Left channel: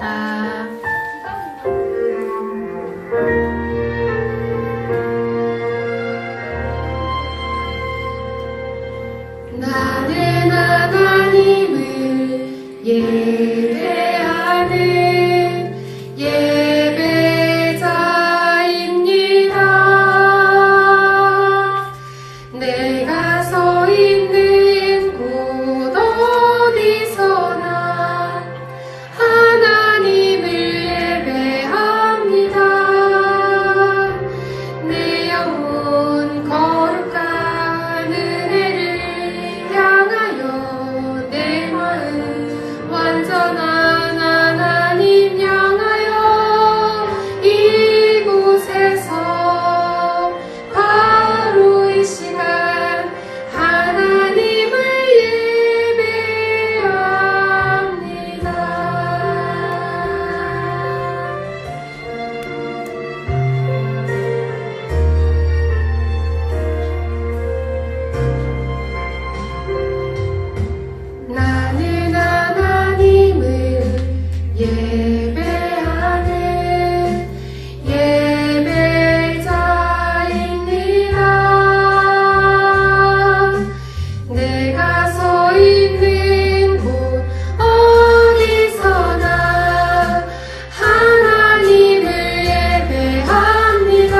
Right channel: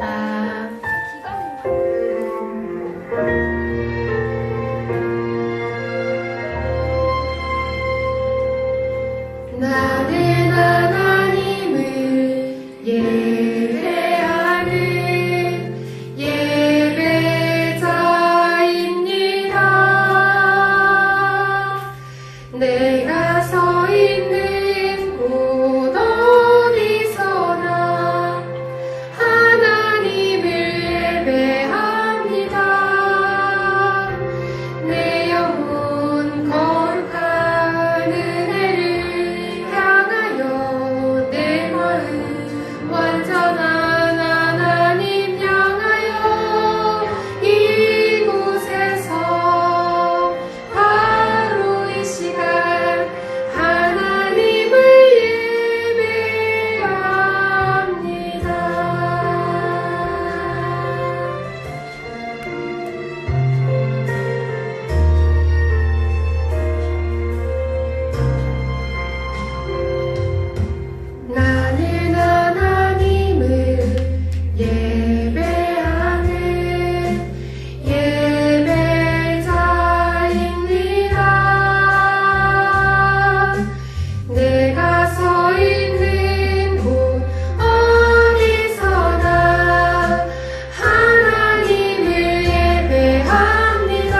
시작하겠습니다. 나는 하나님을 예배하는 예배자입니다. 내가 서 있는 곳 어디서나 하나님을 예배합니다. 내 영혼 거룩한 은혜를 향하여 내 마음 완전한 하나님 향하여 이곳에서 바로 이 시간 하나님을 예배합니다. 나는 하나님을 예배하는 예배자입니다. 내가 서 있는 곳 어디서나 하나님을 예배합니다.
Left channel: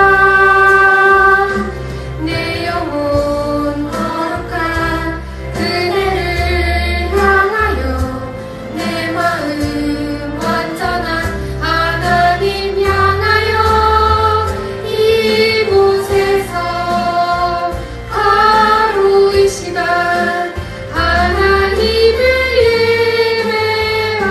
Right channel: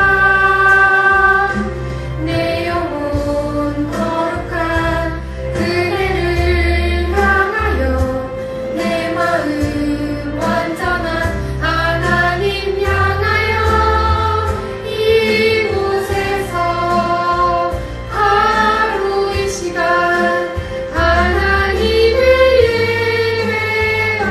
내 영혼 거룩한 은혜를 향하여 내 마음 완전한 하나님 향하여 이곳에서 바로 이 시간 하나님을 예배합니다.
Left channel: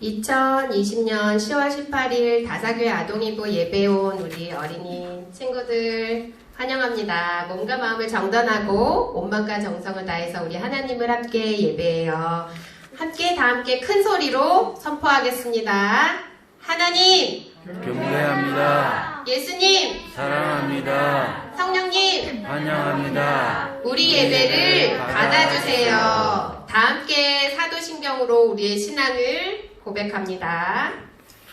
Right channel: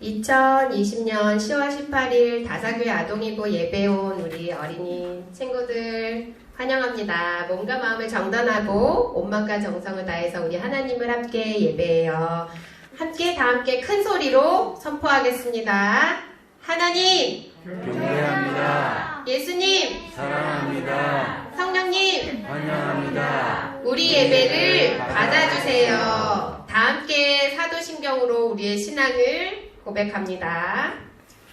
2020년 10월 18일 다사교회 아동이부 예배에 온 우리 어린이 친구들 환영합니다. 몸과 마음을 정돈하고 온 마음과 정성을 다해서 우리 하나님을 함께 예배해요. 다 함께 큰 소리로 선포하겠습니다. 하나님 경배합니다. 예수님 사랑합니다. 성령님 환영합니다. 우리 예배를 받아주세요. 다 함께 사도신경으로 우리의 신앙을 고백합니다.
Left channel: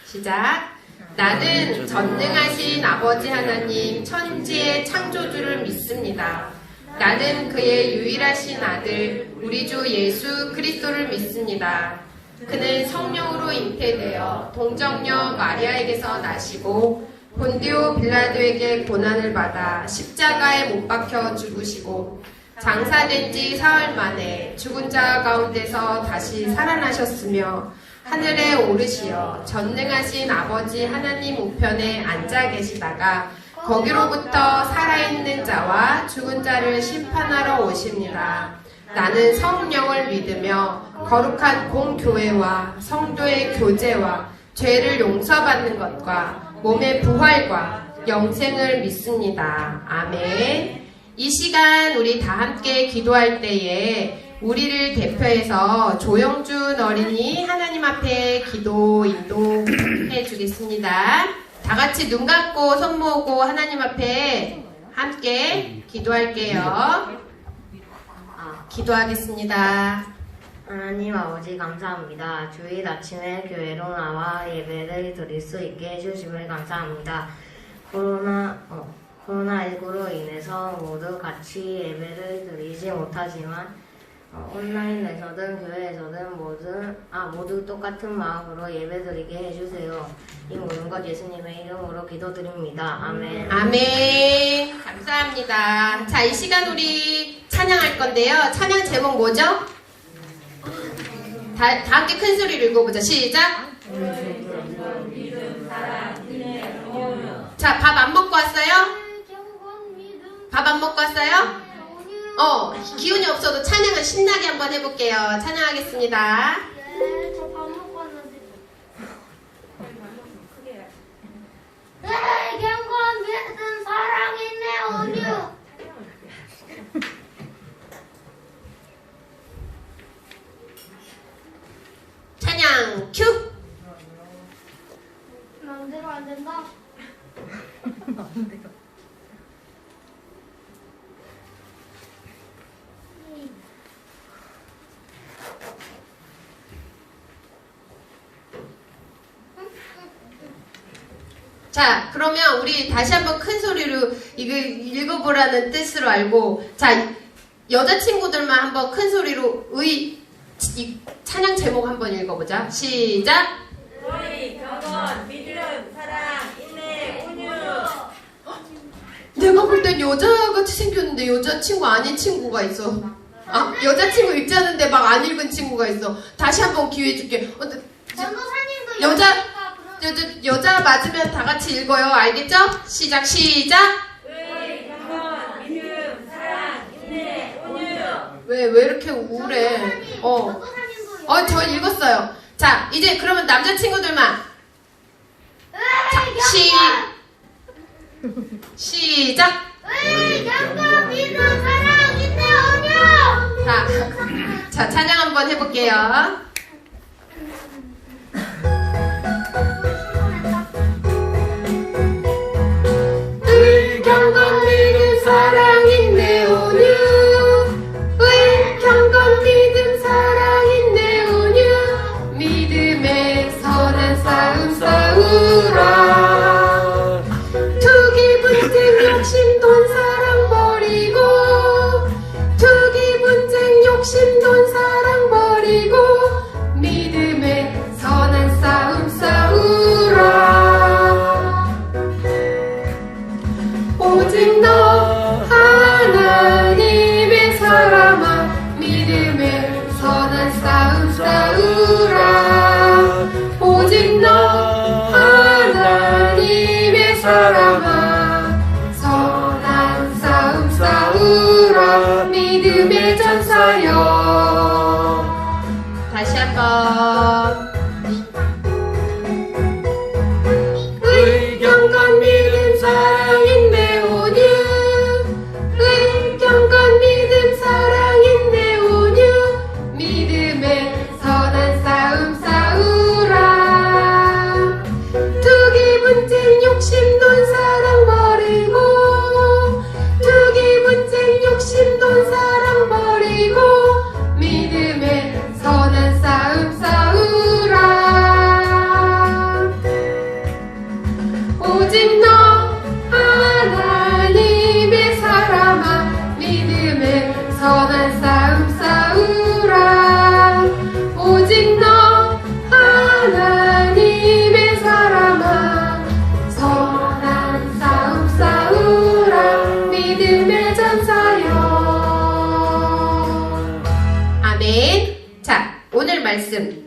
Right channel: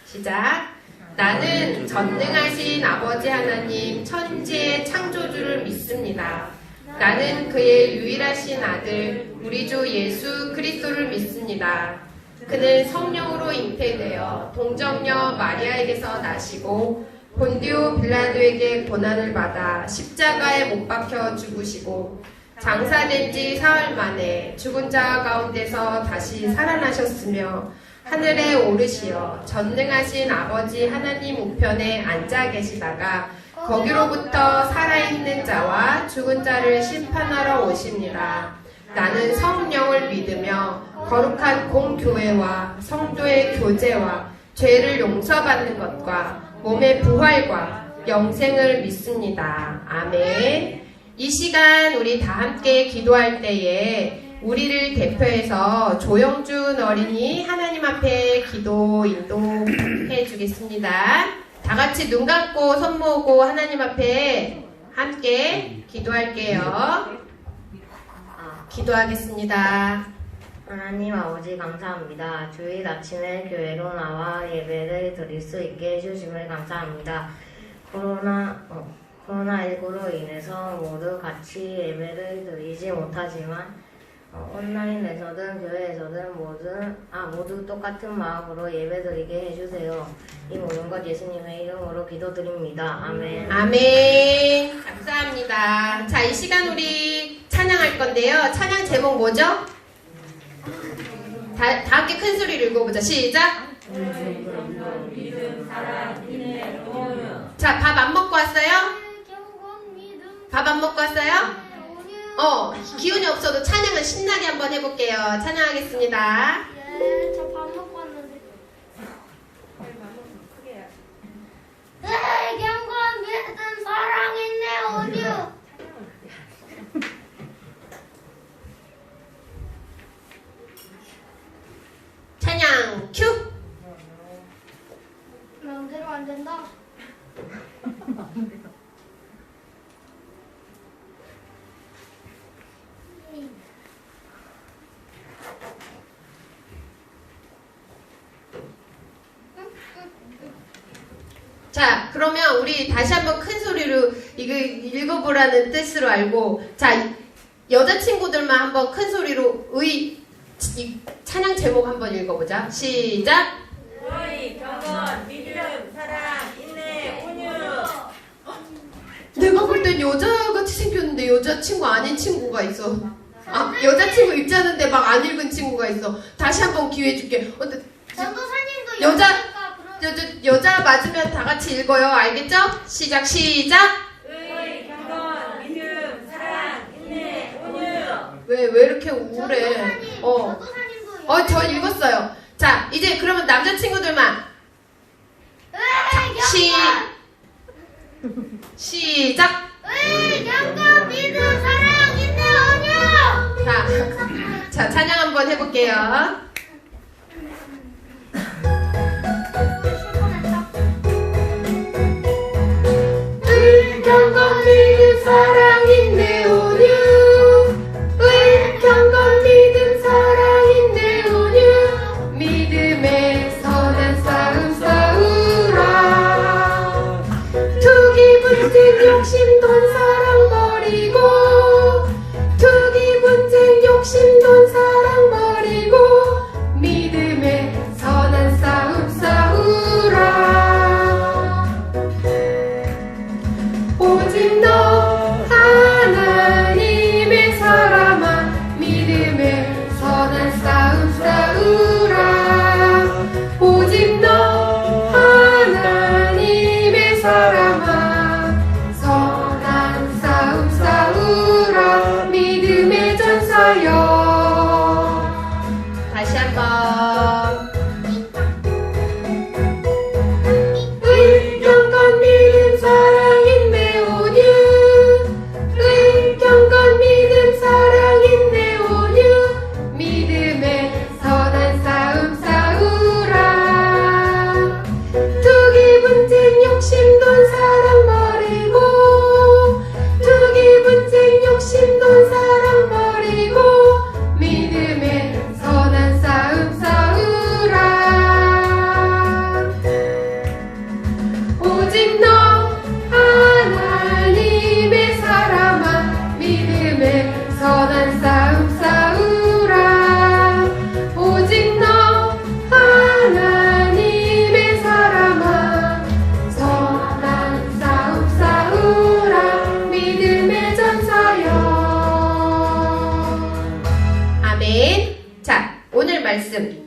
시작. 나는 전능하신 아버지 하나님 천지의 창조주를 믿습니다. 나는 그의 유일하신 아들 우리 주 예수 그리스도를 믿습니다. 그는 성령으로 잉태되어 동정녀 마리아에게서 나시고 본디오 빌라도에게 고난을 받아 십자가에 못 박혀 죽으시고 장사된 지 사흘 만에 죽은 자 가운데서 다시 살아나셨으며 하늘에 오르시어 전능하신 아버지 하나님 우편에 앉아 계시다가 거기로부터 살아있는 자와 죽은 자를 심판하러 오십니다. 나는 성령을 믿으며 거룩한 공교회와 성도의 교제와 죄를 용서받는 것과 몸의 부활과 영생을 믿습니다. 아멘. 이 시간 우리 다 함께 기도할 때에 우리를 대표해서 조영준 어린이 하나님 앞에 기도 인도해 주겠습니다. 다 같이 눈 감고 손 모으고 하나님 앞에 함께 기도할게요. 기도하겠습니다. 하나님 아버지 감사합니다. 주일 아침에 교회로 나와 예배를 드릴 수 있게 해주심을 감사합니다. 코로나19로 인해서 모두 같이 예배를 드리지 못하지만 온라인에서든 교회에서든 모두 똑같은 마음으로 예배드리게 해주세요. 이 모든 것 예수님의 이름으로 기도드립니다. 아멘. 아멘. 감사합니다. 자, 이 시간 우리 찬양할 건데요. 찬양 제목 뭐죠? 다 함께 큰 소리로 읽어보자. 시작. 자, 밥 안 먹고 왔어요? 밥 안 먹고 왔어요? 기운이 없어도 찬양은 신나게 한번 해볼게요. 찬양하겠습니다. 네, 저 밥 먹고 왔는데. 내겐과 믿은 사랑이 내 어디요? 찬양 큐! 안 된다. 자, 그러면 우리 다시 한번 큰 소리로 이거 읽어보라는 뜻으로 알고, 자, 여자친구들만 한번 큰 소리로 이 찬양 제목 한번 읽어보자. 시작! 너희 경건, 믿음, 사랑, 인내, 온유. 내가 볼 땐 여자같이 생겼는데 여자친구 아닌 친구가 있어. 아, 여자친구 읽지 않는데 막 안 읽은 친구가 있어. 다시 한번 기회 줄게. 전도사님도 여자- 여자니까 그럼 여자 맞으면 다 같이 읽어요. 알겠죠? 시작! 너희 경건, 믿음, 사랑, 인내, 온유. 왜 이렇게 우울해? 전도사님도 저 읽었어요. 자, 이제 그러면 남자친구들만. 시작! 경건 믿음 사랑 인내 온유. 자, 찬양 한번 해볼게요. 경건 믿음 사랑 인내 온유. 경건 믿음 사랑 인내 온유. 믿음의 선한 싸움 싸우라. 투기 분쟁 욕심 돈 사랑 버리고, 투기 분쟁 욕심 돈 사랑 버리고, 믿음의 선한 싸움 싸우라. 오직 너 하나님의 사람아, 믿음의 선한 싸움 싸우라. 오직 너 하나님의 사람아, 선한 싸움 싸우라. 믿음의 전사여. 다시 한번. 경건 믿음 사랑 인내 온유. 경건 믿음 사랑 인내 온유. 믿음의 선한 싸움 싸우라. 투기 분쟁 욕심 돈 사랑 버리고, 투기 분쟁 욕심 돈 사랑 버리고, 믿음의 선한 싸움 싸우라. 오직 너 하나님의 사람아, 믿음의 선한 싸움 싸우라. 오직 너 하나님의 사람아, 선한 싸움 싸우라. 믿음의 전사여. 아멘. 자, 오늘 말씀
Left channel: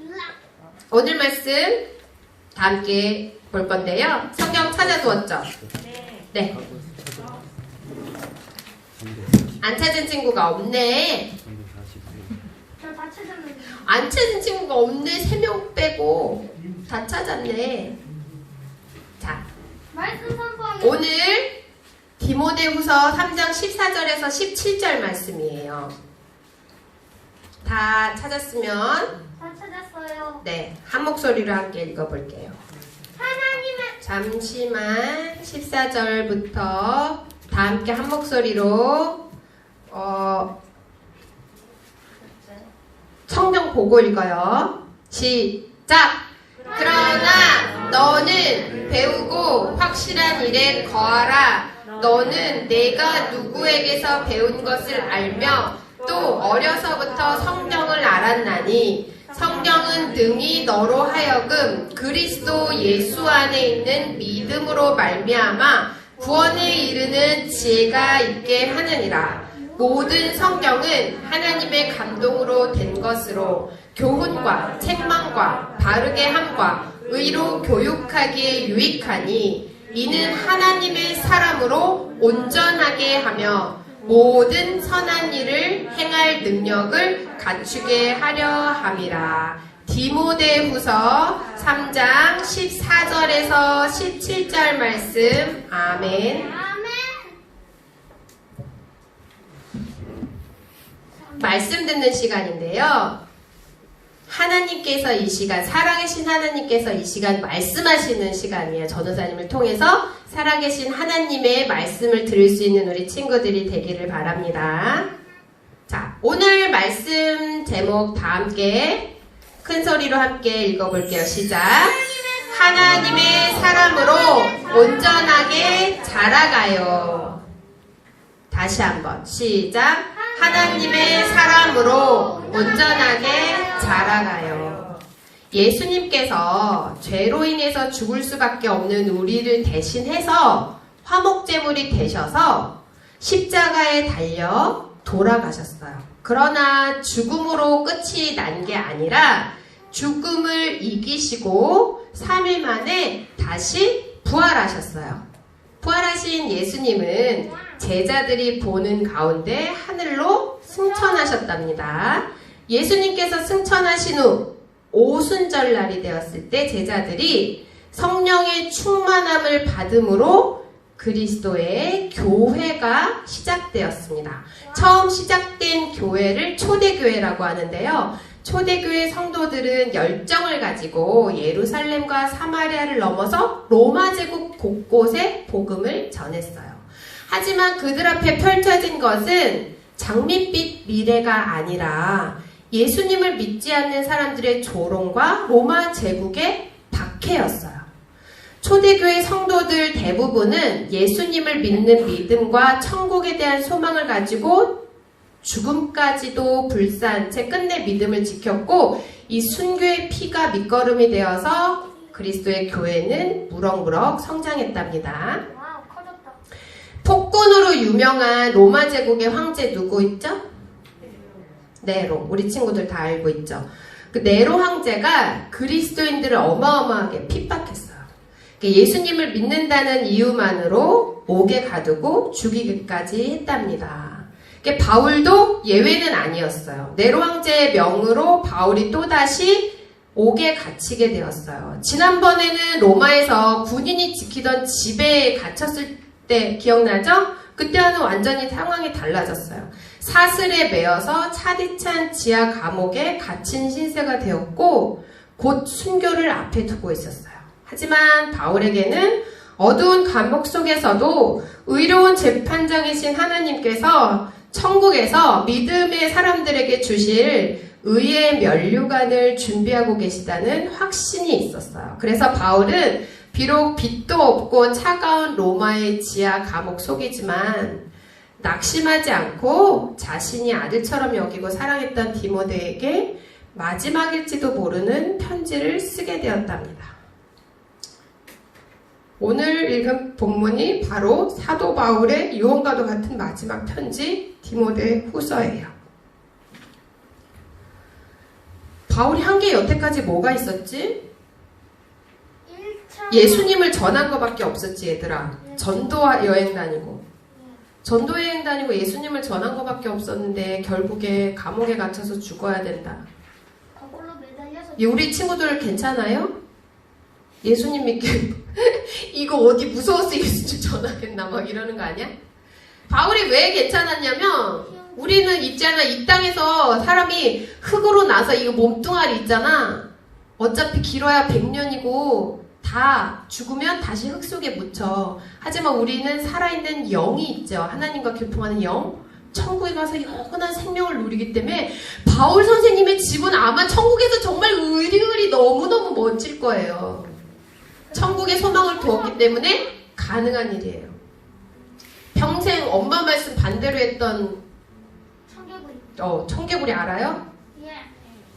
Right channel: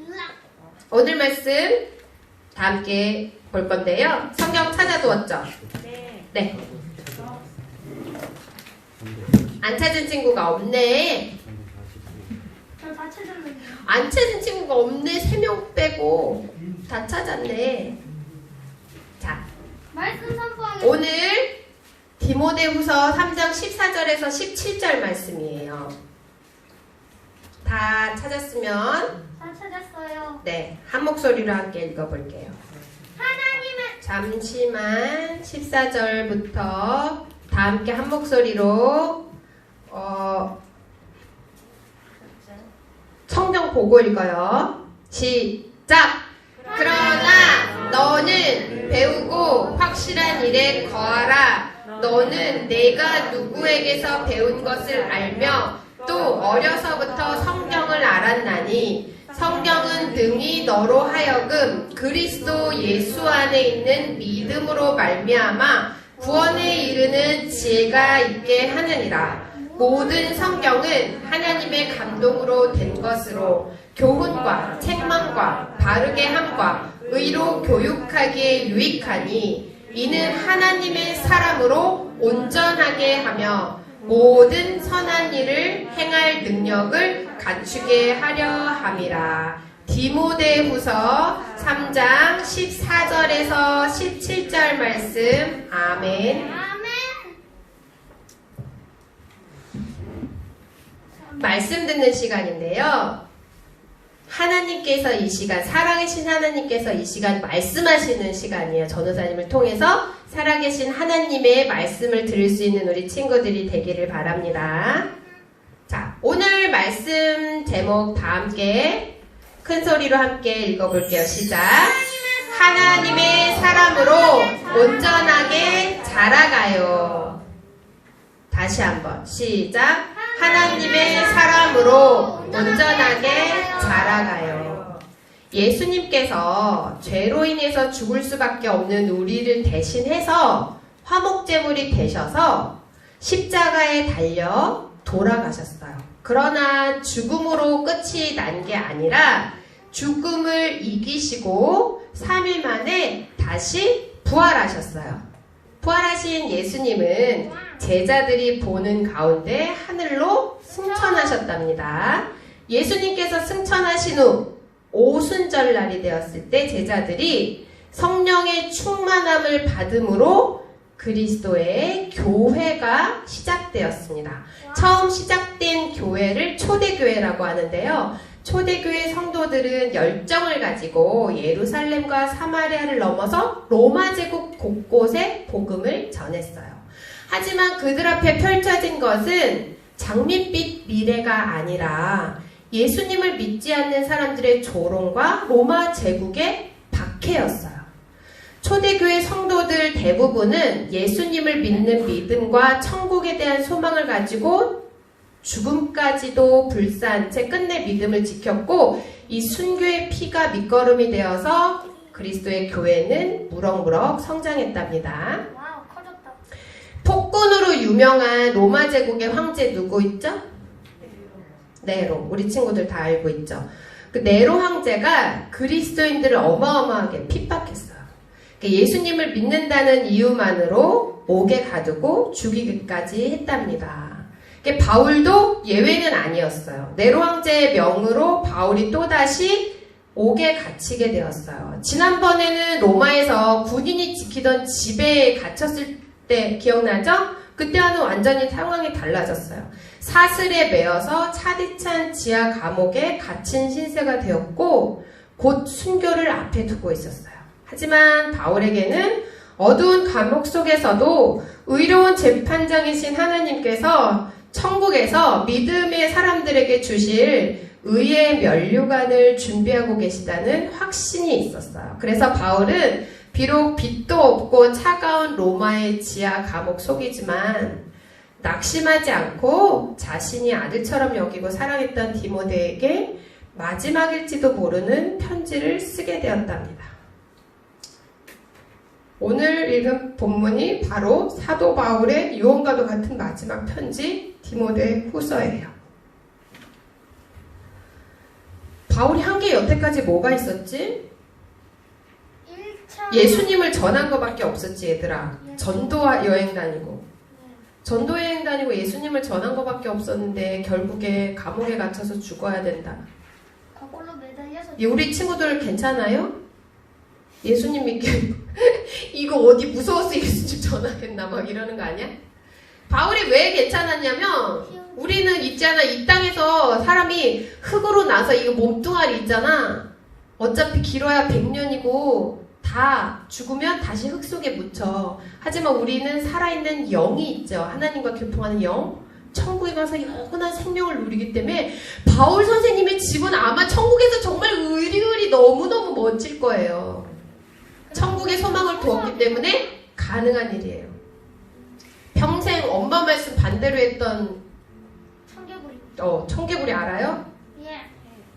다 함께 볼 건데요. 성경 찾아두었죠? 네. 안 찾은 친구가 없네. 저다 찾았는데. 안 찾은 친구가 없네. 3명 빼고 다 찾았네. 자, 말씀 선포하겠습니다. 오늘 디모데후서 3장 14절에서 17절 말씀이에요. 다 찾았으면 다 찾았어요. 네, 한 목소리로 함께 읽어볼게요. 하나님의 잠시만 14절부터 다 함께 한 목소리로 성경 보고 읽어요. 시작! 그러나 너는 배우고 확실한 일에 거하라. 너는 내가 누구에게서 배운 것을 알며 또 어려서부터 성경을 알았나니 성경은 능히 너로 하여금 그리스도 예수 안에 있는 믿음으로 말미암아 구원에 이르는 지혜가 있게 하느니라. 모든 성경은 하나님의 감동으로 된 것으로 교훈과 책망과 바르게 함과 의로 교육하기에 유익하니 이는 하나님의 사람으로 온전하게 하며 모든 선한 일을 행할 능력을 갖추게 하려 함이라. 디모데후서 3장 14절에서 17절 말씀. 아멘. 말씀 듣는 시간인데요. 하나님께서 이 시간, 살아계신 하나님께서 이 시간 말씀하시는 시간이에요. 전도사님을 통해서 살아계신 하나님의 말씀을 들을 수 있는 우리 친구들이 되기를 바랍니다. 자, 오늘 말씀 제목 다 함께 큰 소리로 함께 읽어볼게요. 시작. 하나님의 사람으로 온전하게 자라가요. 다시 한번 시작. 하나님의 사람으로 온전하게 자라가요. 예수님께서 죄로 인해서 죽을 수밖에 없는 우리를 대신해서 화목제물이 되셔서 십자가에 달려 돌아가셨어요. 그러나 죽음으로 끝이 난 게 아니라 죽음을 이기시고 3일 만에 다시 부활하셨어요. 부활하신 예수님은 제자들이 보는 가운데 하늘로 승천하셨답니다. 예수님께서 승천하신 후 오순절날이 되었을 때 제자들이 성령의 충만함을 받음으로 그리스도의 교회가 시작되었습니다. 처음 시작된 교회를 초대교회라고 하는데요. 초대교회 성도들은 열정을 가지고 예루살렘과 사마리아를 넘어서 로마 제국 곳곳에 복음을 전했어요. 하지만 그들 앞에 펼쳐진 것은 장밋빛 미래가 아니라 예수님을 믿지 않는 사람들의 조롱과 로마 제국의 박해였어요. 초대교회 성도들 대부분은 예수님을 믿는 믿음과 천국에 대한 소망을 가지고 죽음까지도 불사한 채 끝내 믿음을 지켰고 이 순교의 피가 밑거름이 되어서 그리스도의 교회는 무럭무럭 성장했답니다. 와우, 커졌다. 폭군으로 유명한 로마 제국의 황제 누구 있죠? 네로. 우리 친구들 다 알고 있죠. 그 네로 황제가 그리스도인들을 어마어마하게 핍박했어요. 예수님을 믿는다는 이유만으로 옥에 가두고 죽이기까지 했답니다. 바울도 예외는 아니었어요. 네로 황제의 명으로 바울이 또다시 옥에 갇히게 되었어요. 지난번에는 로마에서 군인이 지키던 집에 갇혔을 때 기억나죠? 그때와는 완전히 상황이 달라졌어요. 사슬에 매어서 차디찬 지하 감옥에 갇힌 신세가 되었고 곧 순교를 앞에 두고 있었어요. 하지만 바울에게는 어두운 감옥 속에서도 의로운 재판장이신 하나님께서 천국에서 믿음의 사람들에게 주실 의의 면류관을 준비하고 계시다는 확신이 있었어요. 그래서 바울은 비록 빛도 없고 차가운 로마의 지하 감옥 속이지만 낙심하지 않고 자신이 아들처럼 여기고 사랑했던 디모데에게 마지막일지도 모르는 편지를 쓰게 되었답니다. 오늘 읽은 본문이 바로 사도 바울의 유언과도 같은 마지막 편지 디모데 후서예요. 바울이 한 게 여태까지 뭐가 있었지? 1차 예수님을 전한 것밖에 없었지 얘들아. 전도 여행 다니고 전도 여행 다니고 예수님을 전한 것밖에 없었는데 결국에 감옥에 갇혀서 죽어야 된다. 거꾸로 매달려서 우리 친구들 괜찮아요? 예수님 믿게 이거 어디 무서워서 예수님 전하겠나 막 이러는 거 아니야? 바울이 왜 괜찮았냐면 우리는 있잖아 이 땅에서 사람이 흙으로 나서 이거 몸뚱아리 있잖아 어차피 길어야 100년이고 다 죽으면 다시 흙 속에 묻혀. 하지만 우리는 살아있는 영이 있죠. 하나님과 교통하는 영. 천국에 가서 영원한 생명을 누리기 때문에 바울 선생님의 집은 아마 천국에서 정말 의리의리 너무너무 멋질 거예요. 천국에 소망을 두었기 때문에 가능한 일이에요. 평생 엄마 말씀 반대로 했던 청개구리. 청개구리 알아요? 예.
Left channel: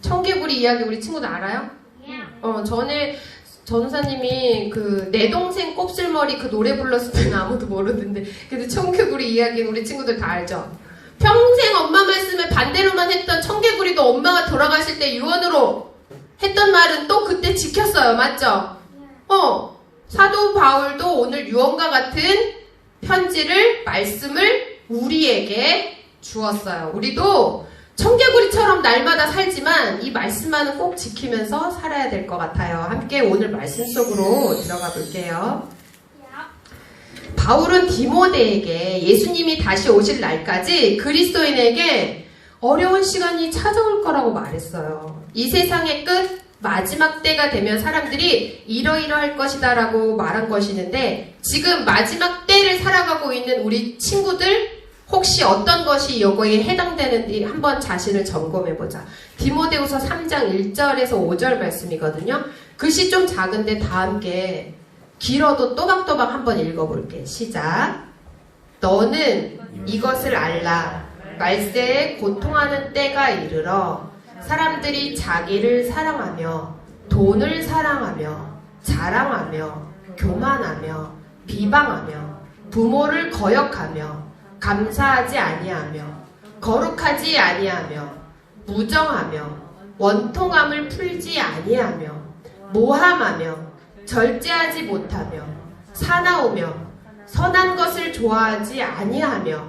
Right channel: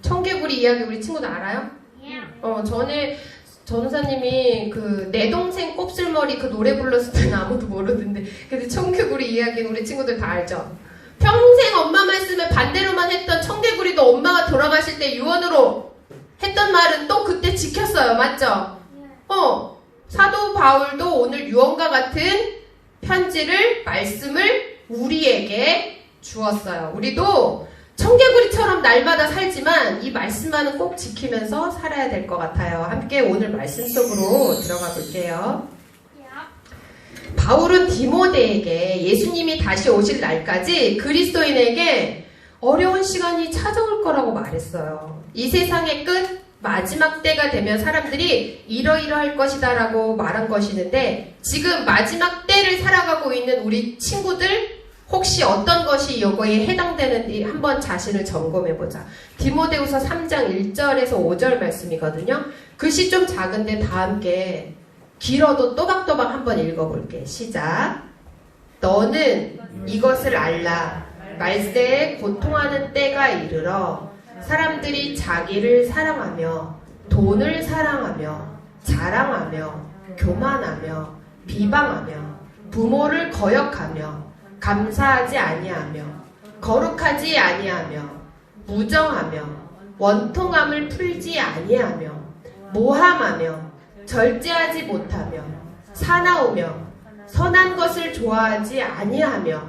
청개구리 이야기 우리 친구들 알아요? 예. 전에 전우사님이 그 내 동생 곱슬머리 그 노래 불렀을 때는 아무도 모르는데 그래도 청개구리 이야기는 우리 친구들 다 알죠? 평생 엄마 말씀을 반대로만 했던 청개구리도 엄마가 돌아가실 때 유언으로 했던 말은 또 그때 지켰어요. 맞죠? 사도 바울도 오늘 유언과 같은 편지를 말씀을 우리에게 주었어요. 우리도 청개구리처럼 날마다 살지만 이 말씀만은 꼭 지키면서 살아야 될 것 같아요. 함께 오늘 말씀 속으로 들어가 볼게요. 바울은 디모데에게 예수님이 다시 오실 날까지 그리스도인에게 어려운 시간이 찾아올 거라고 말했어요. 이 세상의 끝 마지막 때가 되면 사람들이 이러이러할 것이다 라고 말한 것이는데 지금 마지막 때를 살아가고 있는 우리 친구들 혹시 어떤 것이 요거에 해당되는지 한번 자신을 점검해보자. 디모데후서 3장 1절에서 5절 말씀이거든요. 글씨 좀 작은데 다 함께 길어도 또박또박 한번 읽어볼게. 시작. 너는 이것을 알라. 말세에 고통하는 때가 이르러 사람들이 자기를 사랑하며 돈을 사랑하며 자랑하며 교만하며 비방하며 부모를 거역하며 감사하지 아니하며 거룩하지 아니하며 무정하며 원통함을 풀지 아니하며 모함하며 절제하지 못하며 사나우며 선한 것을 좋아하지 아니하며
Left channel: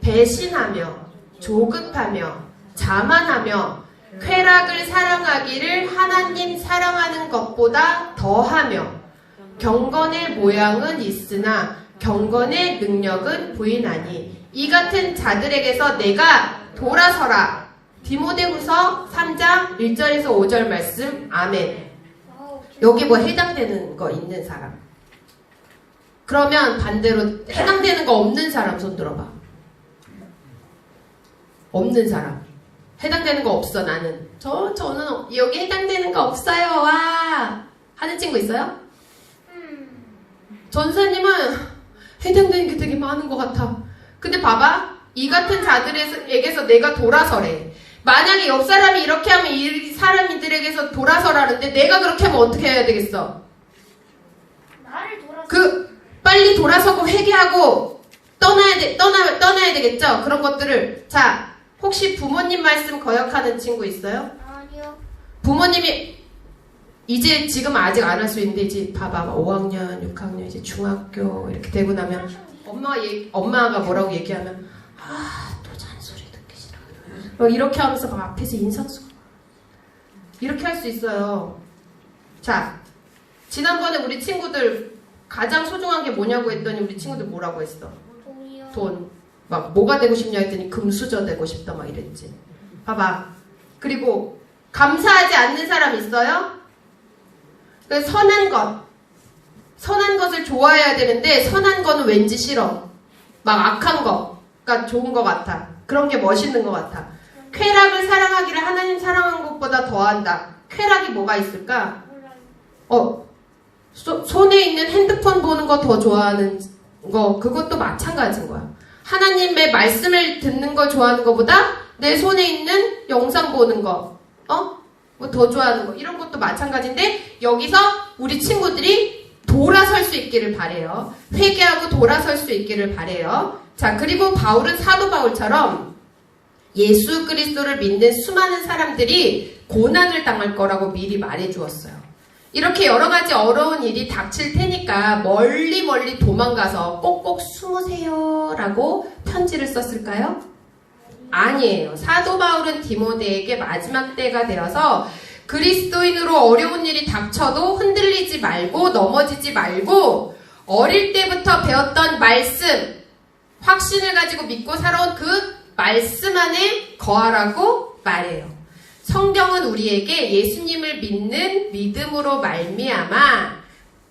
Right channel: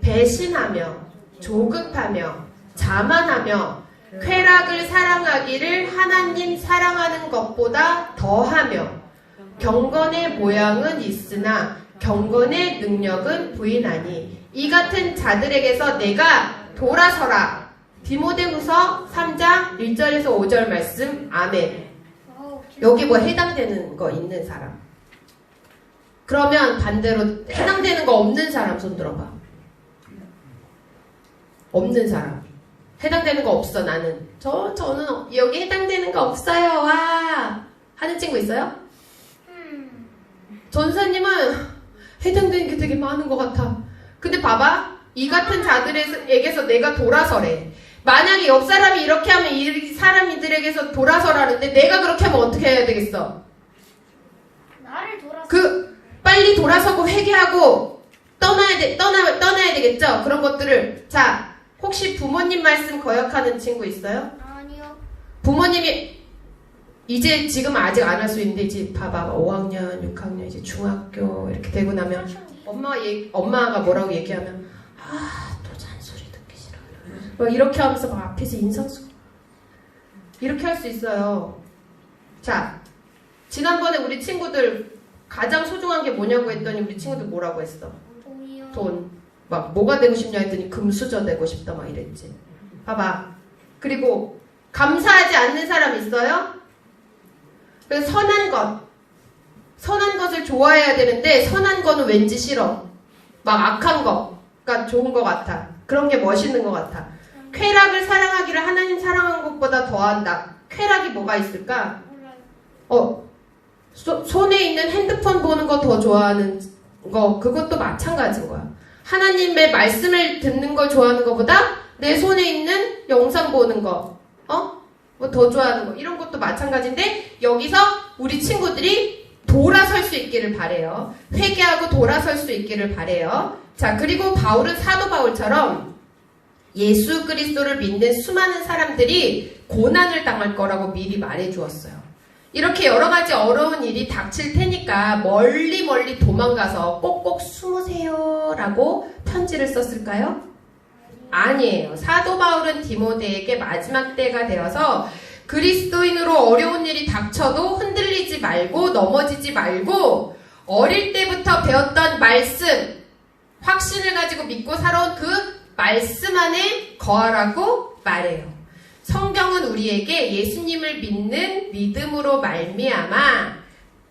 배신하며 조급하며 자만하며 쾌락을 사랑하기를 하나님 사랑하는 것보다 더하며 경건의 모양은 있으나 경건의 능력은 부인하니 이 같은 자들에게서 내가 돌아서라. 디모데후서 3장 1절에서 5절 말씀. 아멘. 여기 뭐 해당되는 거 있는 사람? 그러면 반대로 해당되는 거 없는 사람 손 들어봐. 없는 사람. 해당되는 거 없어 나는. 저는 여기 해당되는 거 없어요. 와 하는 친구 있어요? 전사님은 해당되는 게 되게 많은 것 같아. 근데 봐봐. 이 같은 자들에게서 내가 돌아서래. 만약에 옆 사람이 이렇게 하면 이 사람들에게서 돌아서라는데 내가 그렇게 하면 어떻게 해야 되겠어? 나를 돌아서. 빨리 돌아서고 회개하고 떠나야 되겠죠? 그런 것들을. 자, 혹시 부모님 말씀 거역하는 친구 있어요? 아니요. 부모님이 이제 지금 아직 안 할 수 있는데 이제 봐봐 5학년, 6학년 이제 중학교 이렇게 되고 나면 엄마가 뭐라고 얘기하면 또 잔소리 듣기 싫어. 막 이렇게 하면서 막 앞에서 인상쓰고 이렇게 할 수 있어요. 자, 지난번에 우리 친구들 가장 소중한 게 뭐냐고 했더니 우리 친구들 뭐라고 했어? 돈이요. 돈. 막 뭐가 되고 싶냐 했더니 금수저 되고 싶다 막 이랬지. 봐봐. 그리고 감사하지 않는 사람 있어요? 선한 것을 좋아해야 되는데 선한 거는 왠지 싫어. 막 악한 거가 좋은 것 같아. 그런 게 멋있는 것 같아. 쾌락을 사랑하기를 하나님 사랑한 것보다 더한다. 쾌락이 뭐가 있을까? 손에 있는 핸드폰 보는 거 더 좋아하는 거, 그것도 마찬가지인 거야. 하나님의 말씀을 듣는 걸 좋아하는 것보다 내 손에 있는 영상 보는 거, 뭐 더 좋아하는 거, 이런 것도 마찬가지인데, 여기서 우리 친구들이 돌아설 수 있기를 바래요. 회개하고 돌아설 수 있기를 바래요. 자, 그리고 바울은 사도 바울처럼 예수 그리스도를 믿는 수많은 사람들이 고난을 당할 거라고 미리 말해 주었어요. 이렇게 여러 가지 어려운 일이 닥칠 테니까 멀리 도망가서 꼭꼭 숨으세요 라고 편지를 썼을까요? 아니에요. 사도 바울은 디모데에게 마지막 때가 되어서 그리스도인으로 어려운 일이 닥쳐도 흔들리지 말고 넘어지지 말고 어릴 때부터 배웠던 말씀, 확신을 가지고 믿고 살아온 그 말씀 안에 거하라고 말해요. 성경은 우리에게 예수님을 믿는 믿음으로 말미암아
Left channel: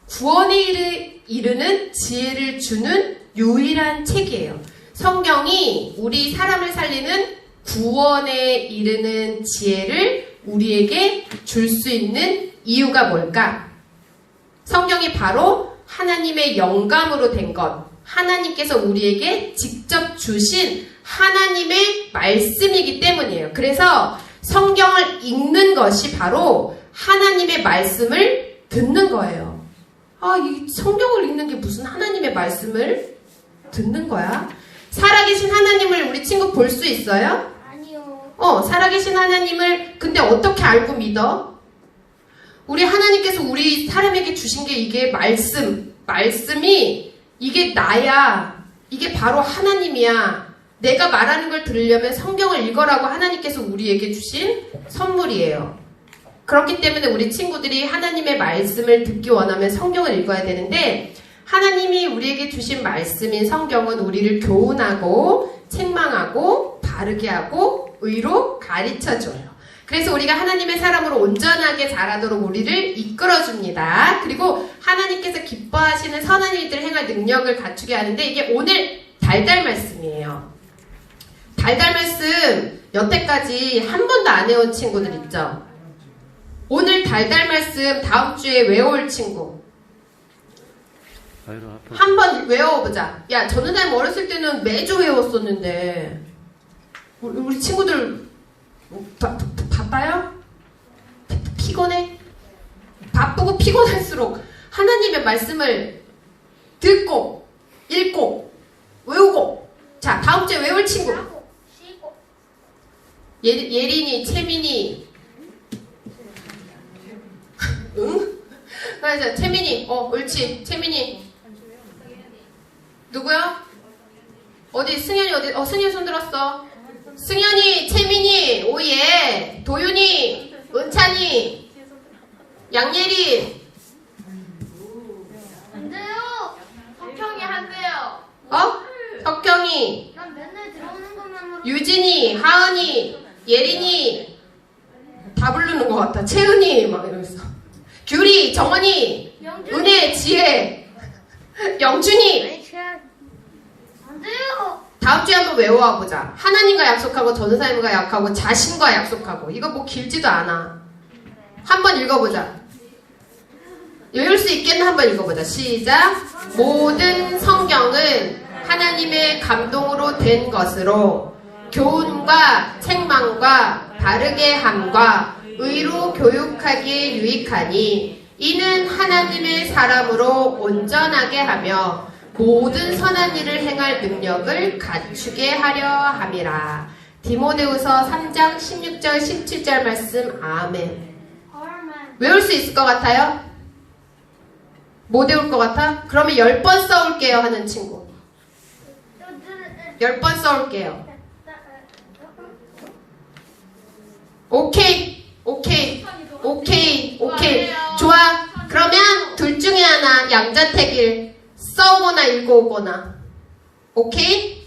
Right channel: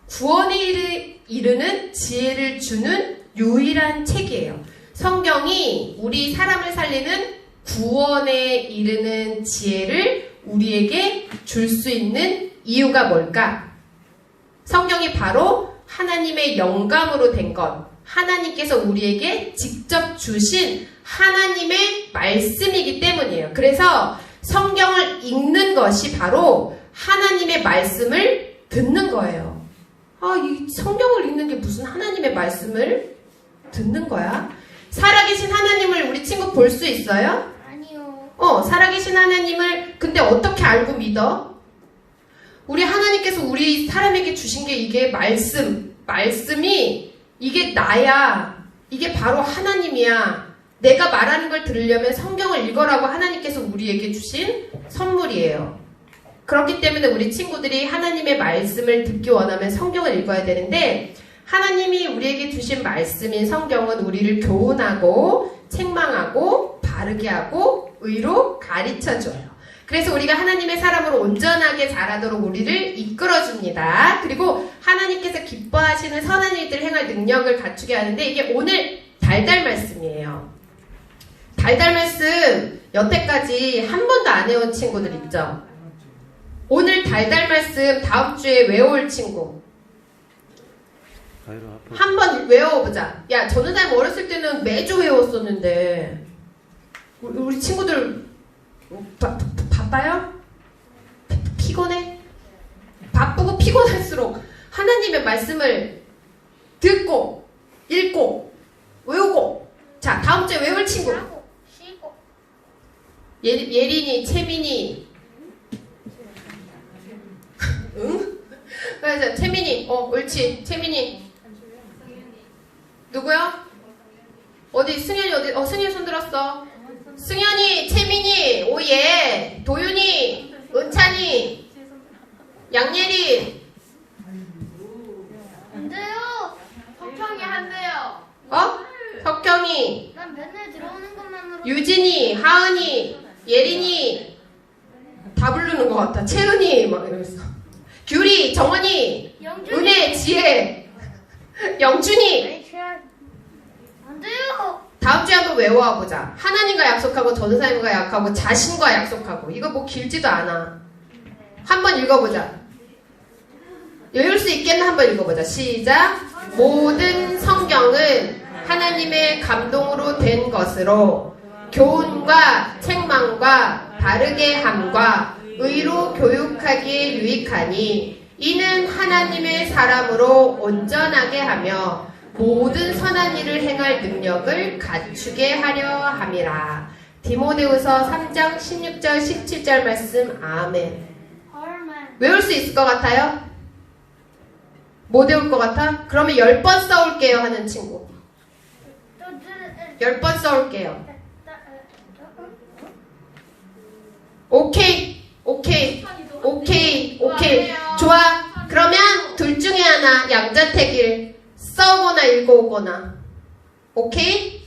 구원에 이르는 지혜를 주는 유일한 책이에요. 성경이 우리 사람을 살리는 구원에 이르는 지혜를 우리에게 줄 수 있는 이유가 뭘까? 성경이 바로 하나님의 영감으로 된 것, 하나님께서 우리에게 직접 주신 하나님의 말씀이기 때문이에요. 그래서 성경을 읽는 것이 바로 하나님의 말씀을 듣는 거예요. 이 성경을 읽는 게 무슨 하나님의 말씀을 듣는 거야? 살아계신 하나님을 우리 친구 볼 수 있어요? 아니요. 살아계신 하나님을 근데 어떻게 알고 믿어? 우리 하나님께서 우리 사람에게 주신 게 이게 말씀이 이게 나야. 이게 바로 하나님이야. 내가 말하는 걸 들으려면 성경을 읽어라고 하나님께서 우리에게 주신 선물이에요. 그렇기 때문에 우리 친구들이 하나님의 말씀을 듣기 원하면 성경을 읽어야 되는데, 하나님이 우리에게 주신 말씀인 성경은 우리를 교훈하고 책망하고 바르게 하고 의로 가르쳐줘요. 그래서 우리가 하나님의 사람으로 온전하게 자라도록 우리를 이끌어줍니다. 그리고 하나님께서 기뻐하시는 선한 일들 행할 능력을 갖추게 하는데 이게 오늘 달달 말씀이에요. 달달 말씀 여태까지 한 번도 안 해온 친구들 있죠? 오늘 달달 말씀 다음 주에 외워올 친구 한번 외워보자. 야, 전우다님 어렸을 때는 매주 외웠었는데 우리 친구들 바빠요? 피곤해? 바쁘고 피곤할수록 하나님의 말씀을 듣고 읽고 외우고. 자, 다음 주에 외울 친구 예린이, 채민이. 응? 그래서 채민이, 옳지. 채민이. 누구야? 어디? 승현이 어디? 승현이 손 들었어. 승현이, 채민이, 오예. 도윤이, 은찬이, 양예리. 안 돼요. 석형이 한대요. 석경이, 난 맨날 들어오는 것만으로. 유진이, 하은이, 예린이. 다 부르는 것 같다. 채은이 막 이러면서. 규리, 정원이, 영준이. 은혜, 지혜, 영준이. 안 돼요. 다음 주에 한번 외워보자. 하나님과 약속하고 전사님과 약속하고 자신과 약속하고. 이거 뭐 길지도 않아. 한번 읽어보자. 외울 수 있겠나 한번 읽어보자. 시작. 모든 성경은 하나님의 감동으로 된 것으로 교훈과 책망과 바르게 함과 의로 교육하기에 유익하니 이는 하나님의 사람으로 온전하게 하며 모든 선한 일을 행할 능력을 갖추게 하려 함이라. 디모데후서 3장 16절 17절 말씀. 아멘. 외울 수 있을 것 같아요? 못 외울 것 같아? 그러면 10번 써올게요 하는 친구. 10번 써올게요. 오케이. 좋아. 그러면 둘 중에 하나 양자택일 써오거나 읽어오거나. 오케이?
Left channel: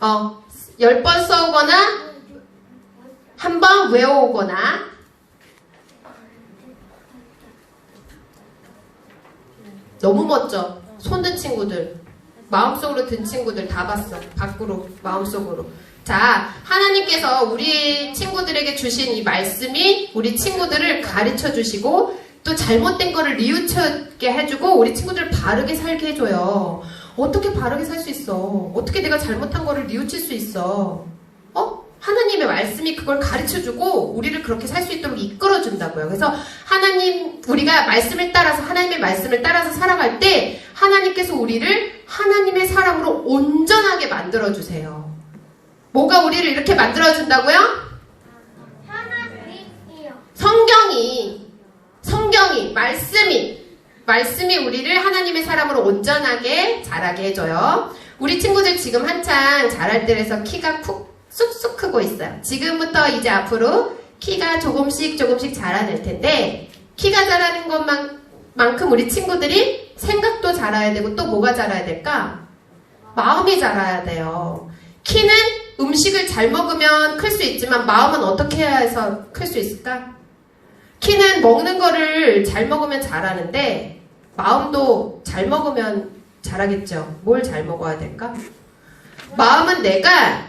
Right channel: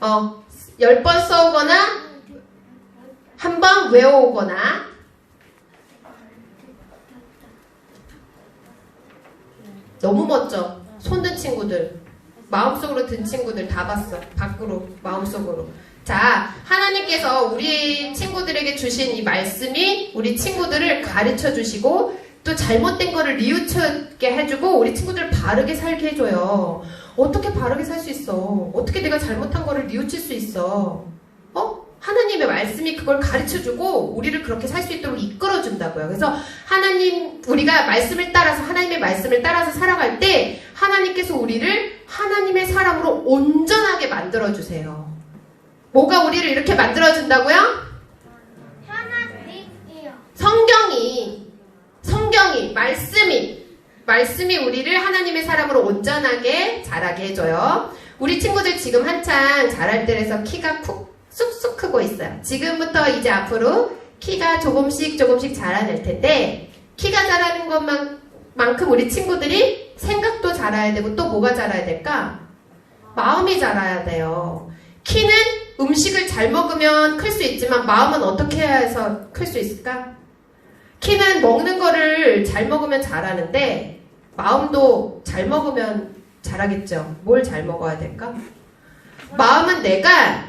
10번 써오거나 한 번 외워오거나. 너무 멋져. 손든 친구들, 마음속으로 든 친구들 다 봤어. 밖으로, 마음속으로. 자, 하나님께서 우리 친구들에게 주신 이 말씀이 우리 친구들을 가르쳐 주시고 또 잘못된 거를 뉘우치게 해주고 우리 친구들을 바르게 살게 해줘요. 어떻게 바르게 살 수 있어? 어떻게 내가 잘못한 거를 뉘우칠 수 있어? 하나님의 말씀이 그걸 가르쳐주고 우리를 그렇게 살 수 있도록 이끌어준다고요. 그래서 하나님, 우리가 말씀을 따라서, 하나님의 말씀을 따라서 살아갈 때 하나님께서 우리를 하나님의 사람으로 온전하게 만들어주세요. 뭐가 우리를 이렇게 만들어준다고요? 하나님이요. 성경이, 말씀이 우리를 하나님의 사람으로 온전하게 자라게 해줘요. 우리 친구들 지금 한창 자랄 때라서 키가 쑥쑥 크고 있어요. 지금부터 이제 앞으로 키가 조금씩 자라낼 텐데, 키가 자라는 것만큼 우리 친구들이 생각도 자라야 되고 또 뭐가 자라야 될까? 마음이 자라야 돼요. 키는 음식을 잘 먹으면 클 수 있지만 마음은 어떻게 해서 클 수 있을까? 키는 먹는 거를 잘 먹으면 자라는데 마음도 잘 먹으면 자라겠죠. 뭘 잘 먹어야 될까? 마음은 내가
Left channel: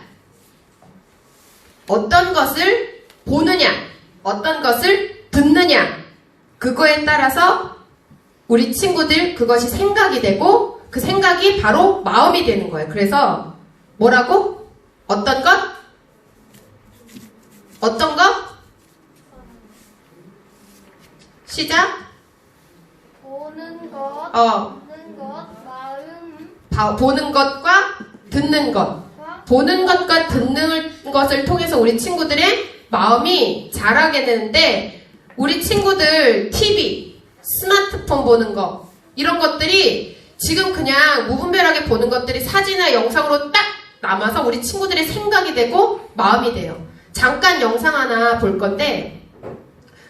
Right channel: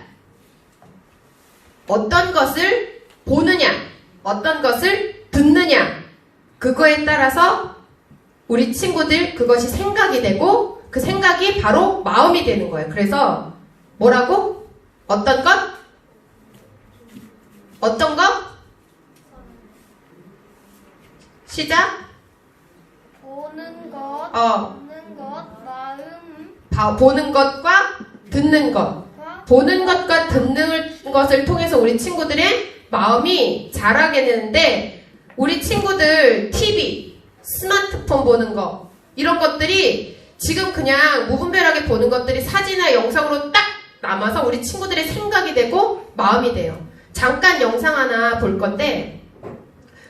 어떤 것을 보느냐, 어떤 것을 듣느냐, 그거에 따라서 우리 친구들 그것이 생각이 되고 그 생각이 바로 마음이 되는 거예요. 그래서 뭐라고? 어떤 것? 어떤 것? 시작. 보는 것, 듣는 것, 마음, 보는 것과 듣는 것. 보는 것과 듣는 것을 통해서 우리 친구들의 마음이 자라게 되는데, 우리 친구들 TV, 스마트폰 보는 거, 이런 것들이 지금 그냥 무분별하게 보는 것들이 사진이나 영상으로 딱 남아서 우리 친구들의 생각이 되고 마음이 돼요. 잠깐 영상 하나 볼 건데,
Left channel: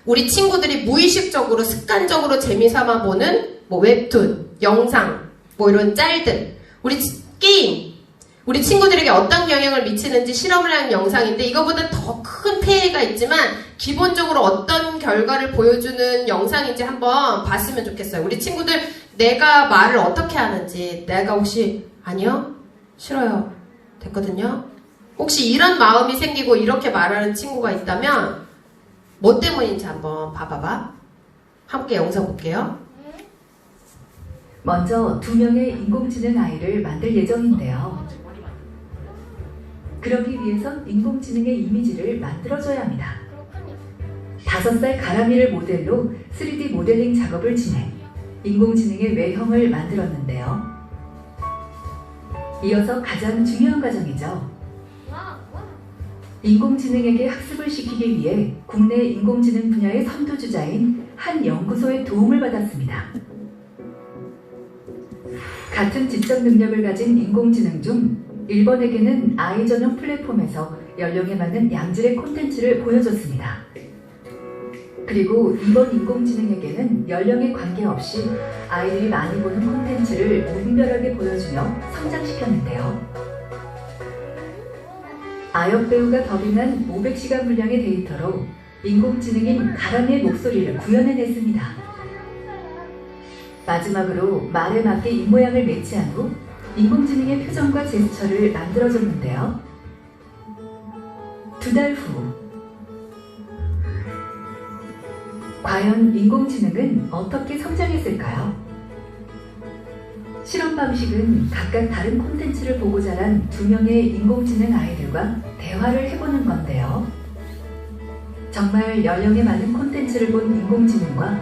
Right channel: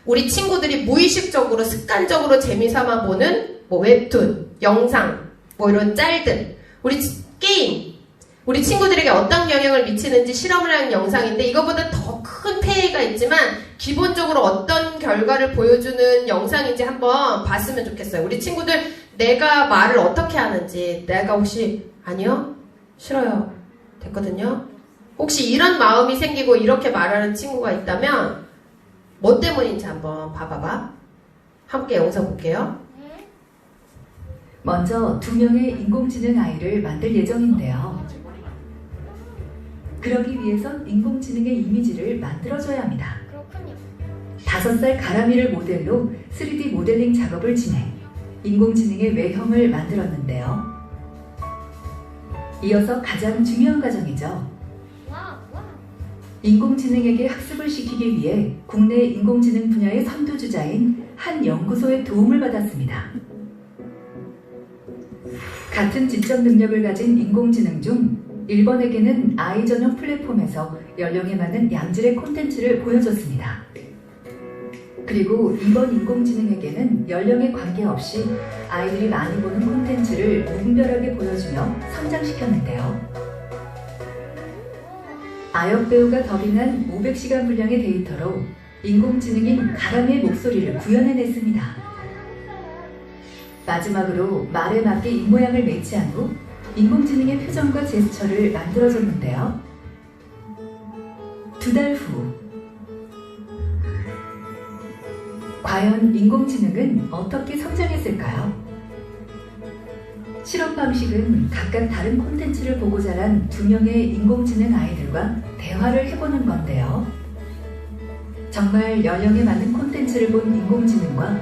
우리 친구들이 무의식적으로 습관적으로 재미삼아 보는 뭐 웹툰, 영상, 뭐 이런 짤들, 우리 게임, 우리 친구들에게 어떤 영향을 미치는지 실험을 하는 영상인데 이거보다 더 큰 폐해가 있지만 기본적으로 어떤 결과를 보여주는 영상인지 한번 봤으면 좋겠어요. 우리 친구들 내가 말을 어떻게 하는지 내가 혹시 아니요? 싫어요. 됐거든요? 혹시 이런 마음이 생기고 이렇게 말하는 친구가 있다면 뭐 때문인지 한번 봐봐봐. 함께 영상 볼게요. 먼저 2명의 인공지능 아이를 만들 예정인데요. 그러기 위해선 인공지능의 이미지를 만들어줘야 합니다. 5살 가람이를 모델로 3D 모델링 작업을 진행, 인공지능의 외형을 만들었는데요. 이어서 가장 중요한 과정이죠. 인공지능에게 학습을 시키기 위해 국내 인공지능 분야의 선두주자인 한 연구소의 도움을 받았습니다. 같은 지적 능력을 가진 인공지능 중 1번에게는 아이 전용 플랫폼에서 연령에 맞는 양질의 콘텐츠를 보여줬습니다. 그리고 2번 인공지능에게는 연령에 관계없이 아이들이 많이 보는 콘텐츠를 무분별하게 보여주며 성장시켰는데요. 아역 배우가 더빙한 500시간 분량의 데이터로 인공지능인 가람이의 목소리를 구현해냈습니다. 마지막으로 말에 맞게 입모양을 매치한 후 인공지능의 표정과 제스처를 만들어줬는데요. 2달 후 과연 인공지능은 어떻게 성장했을까요? 실험 방식은 각각 다른 콘텐츠를 보고 자란 2명의 인공지능 아이들과 대화를 해보는 건데요. 정말 연령에 맞는 콘텐츠를 본 인공지능과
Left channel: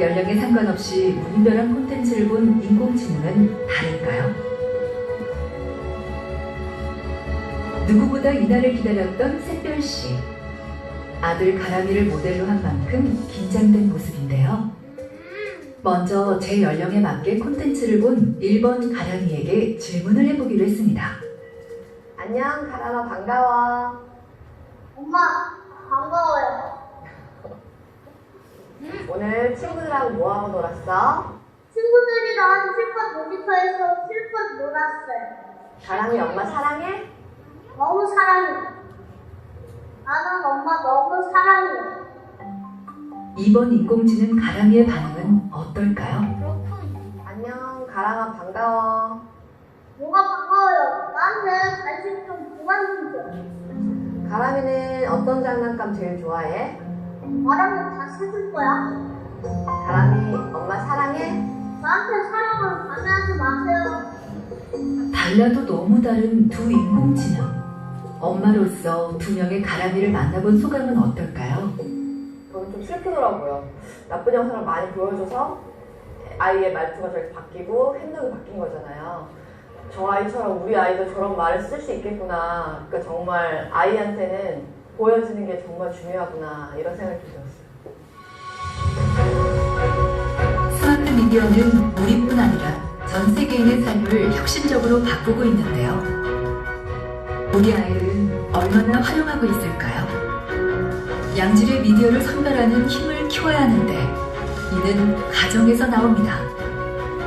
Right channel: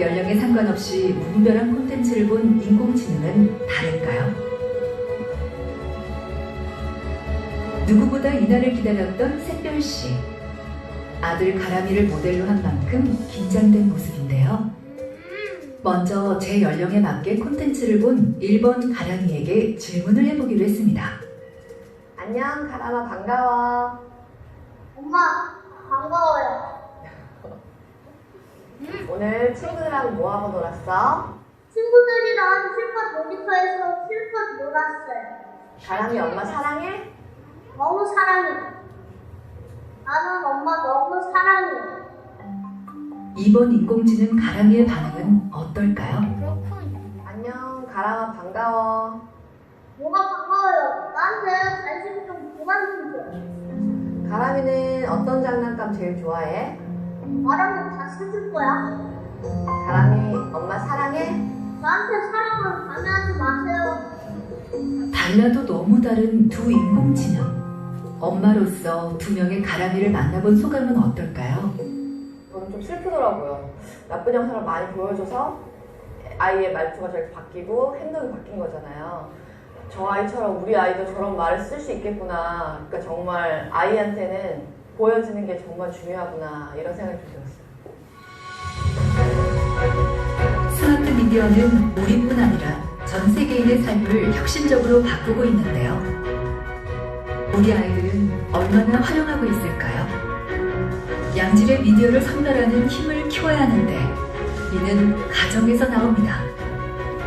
연령에 상관없이 무분별한 콘텐츠를 본 인공지능은 다를까요? 누구보다 이날을 기다렸던 샛별씨. 아들 가람이를 모델로 한 만큼 긴장된 모습인데요. 먼저 제 연령에 맞게 콘텐츠를 본 1번 가람이에게 질문을 해보기로 했습니다. 안녕, 가람아, 반가워. 엄마, 반가워요. 오늘 친구들하고 뭐하고 놀았어? 친구들이랑 실컷 놀이터에서 실컷 놀았어요. 가람이 엄마 사랑해? 너무 사랑해. 나는 엄마 너무 사랑해. 2번 인공지능 가람이의 반응은 어떨까요? 안녕, 가람아, 반가워. 뭐가 반가워요. 나한테 관심 좀 그만 좀 줘. 가람이는 어떤 장난감 제일 좋아해? 말하면 다 씻을 거야. 가람이 엄마 사랑해? 나한테 사랑을 방해하지 마세요. 달라도 너무 다른 두 인공지능. 엄마로서 2명의 가람이를 만나본 소감은 어떨까요? 저는 좀 슬프더라고요. 나쁜 영상을 많이 보여줘서 아이의 말투가 저렇게 바뀌고 행동이 바뀐 거잖아요. 저 아이처럼 우리 아이도 저런 말을 쓸 수 있겠구나. 그러니까 정말 아이한테는 보여지는 게 정말 중요하구나. 이런 생각이 들었어요. 스마트 미디어는 우리뿐 아니라 전 세계인의 삶을 혁신적으로 바꾸고 있는데요. 우리 아이들은 얼마나 활용하고 있을까요? 양질의 미디어를 선별하는 힘을 키워야 하는데 이는 가정에서 나옵니다.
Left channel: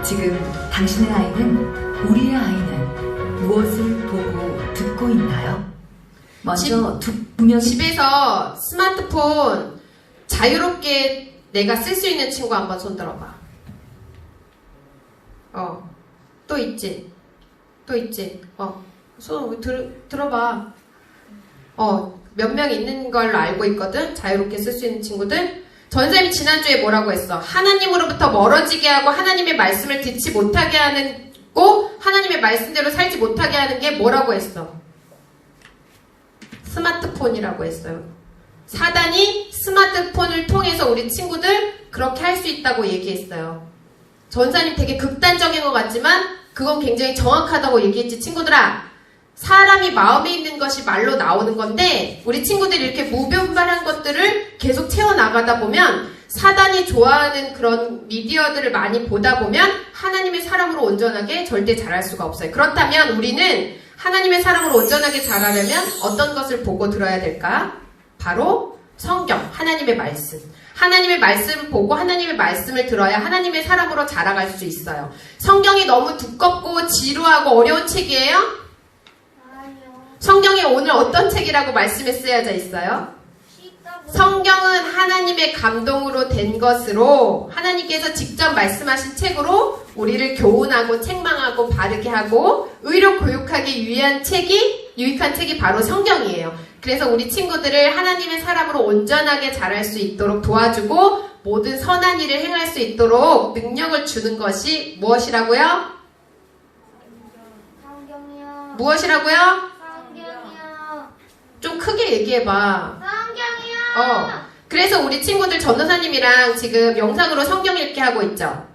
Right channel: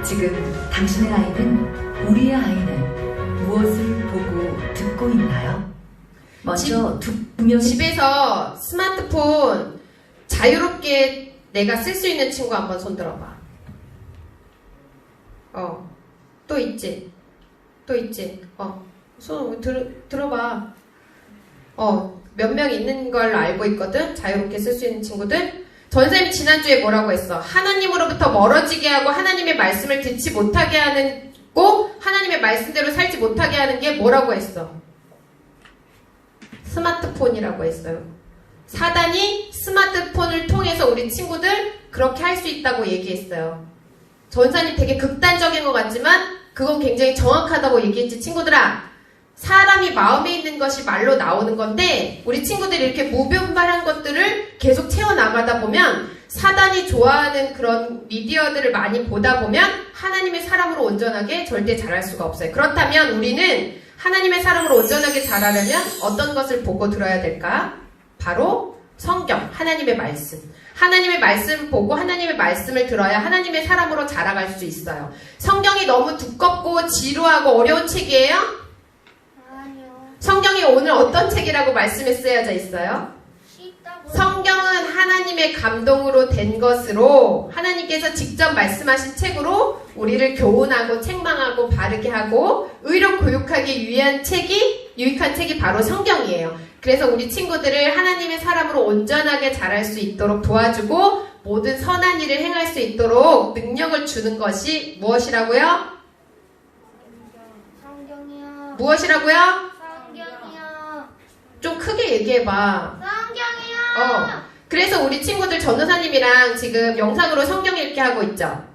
지금 당신의 아이는, 우리의 아이는 무엇을 보고 듣고 있나요? 먼저 두 명이 집에서 스마트폰 자유롭게 내가 쓸 수 있는 친구 한번 손 들어봐. 또 있지? 또 있지? 손 들어봐. 몇 명 있는 걸로 알고 있거든? 자유롭게 쓸 수 있는 친구들? 전쌤이 지난주에 뭐라고 했어? 하나님으로부터 멀어지게 하고 하나님의 말씀을 듣지 못하게 하는 꼭 하나님의 말씀대로 살지 못하게 하는 게 뭐라고 했어? 스마트폰이라고 했어요. 사단이 스마트폰을 통해서 우리 친구들 그렇게 할 수 있다고 얘기했어요. 전사님 되게 극단적인 것 같지만 그건 굉장히 정확하다고 얘기했지. 친구들아, 사람이 마음에 있는 것이 말로 나오는 건데 우리 친구들이 이렇게 무분별한 것들을 계속 채워나가다 보면 사단이 좋아하는 그런 미디어들을 많이 보다 보면 하나님의 사람으로 온전하게 절대 자랄 수가 없어요. 그렇다면 우리는 하나님의 사람으로 온전하게 자라려면 어떤 것을 보고 들어야 될까? 바로 성경, 하나님의 말씀. 하나님의 말씀을 보고 하나님의 말씀을 들어야 하나님의 사람으로 자라갈 수 있어요. 성경이 너무 두껍고 지루하고 어려운 책이에요? 성경에 오늘 어떤 책이라고 말씀에 쓰여져 있어요? 성경은 하나님의 감동으로 된 것으로 하나님께서 직접 말씀하신 책으로 우리를 교훈하고 책망하고 바르게 하고 의로 교육하기 위한 유익한 책이 바로 성경이에요. 그래서 우리 친구들을 하나님의 사람으로 온전하게 자랄 수 있도록 도와주고 모든 선한 일을 행할 수 있도록 능력을 주는 것이 무엇이라고요? 성경이요. 무엇이라고요? 성경이요. 좀 크게 얘기해봐. 성경이요. 그래서 우리 친구들 전도사님이랑 지금 영상으로 성경 읽기 하고 있죠.